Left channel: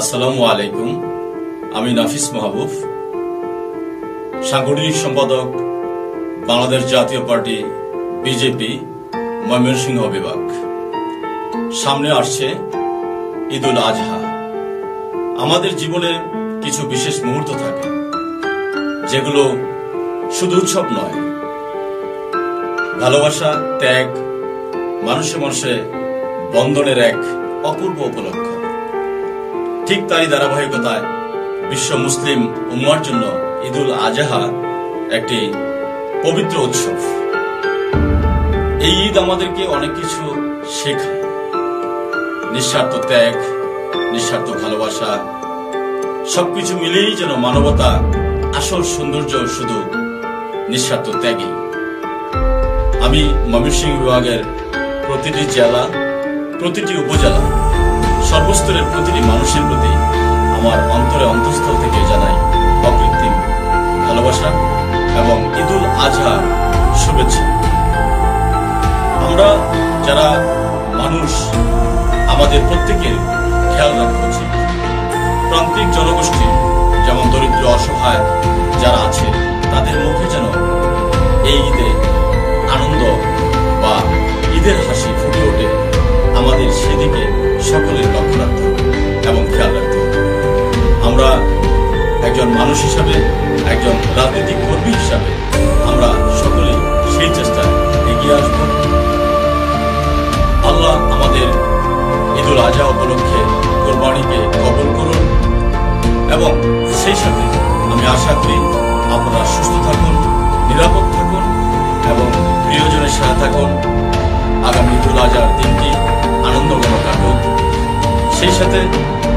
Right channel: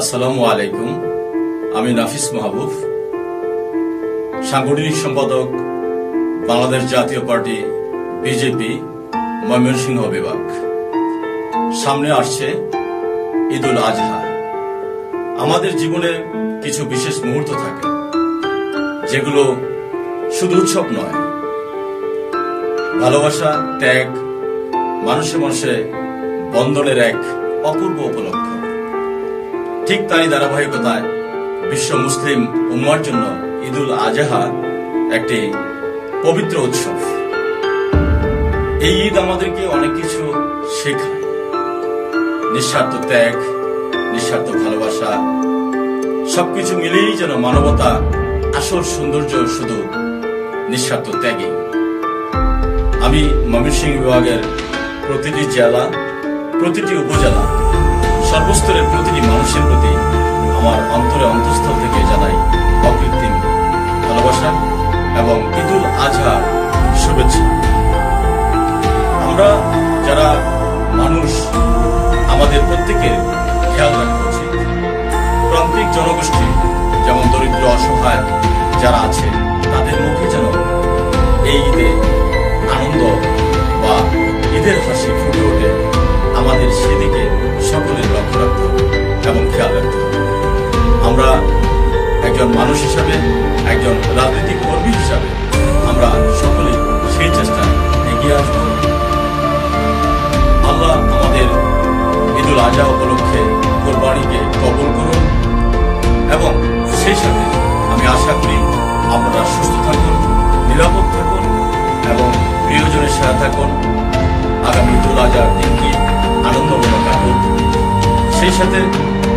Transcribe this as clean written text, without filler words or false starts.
আসসালামু আলাইকুম। আমি নাফিস মাহবুব, সাংগঠনিক সম্পাদক, বাংলাদেশ জাতীয় পার্টি বিজেপি ময়মনসিংহ বিভাগ। সামনে আসছে ঈদুল আজহা। আমাদের জীবনে কিছু বিশেষ মুহূর্ত থাকে যেগুলো শুধু উৎসব নয়, ভালোবাসা, ত্যাগ, মানুষে মানুষে বন্ধনের এক অপূর্ব উপলক্ষ। ঠিক তারই ধারাবাহিকতায় বিশ্ব মুসলিম উম্মার জন্য ঈদুল আজহা একটি পবিত্র উৎসব। এই ঈদ আমাদেরকে অনেক কিছু শেখায়। নিঃস্বার্থ ত্যাগ, নিঃস্বার্থ ভালোবাসা, সবকিছু মিলিয়েই যেন মানবতা আসল সৌন্দর্য শুধু নিঃস্বার্থ ত্যাগেই। আমি ময়মনসিংহ বিভাগের প্রতিটি জেলা, প্রতিটি উপজেলা, সর্বস্তরের প্রতিটি মানুষের প্রতি আমার অন্তরে অন্তঃস্থল থেকে জানাই অকৃত্রিম ভালোবাসা এবং ঈদুল আজহার শুভেচ্ছা। আমরা যারা মানুষ, আমাদের প্রত্যেকের খেয়াল রাখা উচিত। প্রান্তিক জনগোষ্ঠী যেমন দরিদ্র, অসহায় যারা আছে, তাদের মুখে যেন এই ঈদে আনন্দ বা ঈদের হাসি ফুটে ওঠে, আমাদের সেদিকে সকলের লক্ষ্য রাখতে হবে এবং খেয়াল রাখতে হবে। আমরা একজন মানুষ হিসাবে, একজন রাজনৈতিক কর্মী হিসাবে আমরা সকলেই সেই চেষ্টায় এগিয়ে আসব। আল্লাহ আমাদের ঈদুল আজহা উপলক্ষে কোরবানিকে কবুল করুন এবং সেই সাথে আমি আশা করি আপনারা সুস্থ থাকুন, নিরাপদ থাকুন এবং প্রিয়জনের সাথে থাকুন। আগামী ঈদুল আজহার দিনটি আনন্দঘন কাটুক। সেই সাথে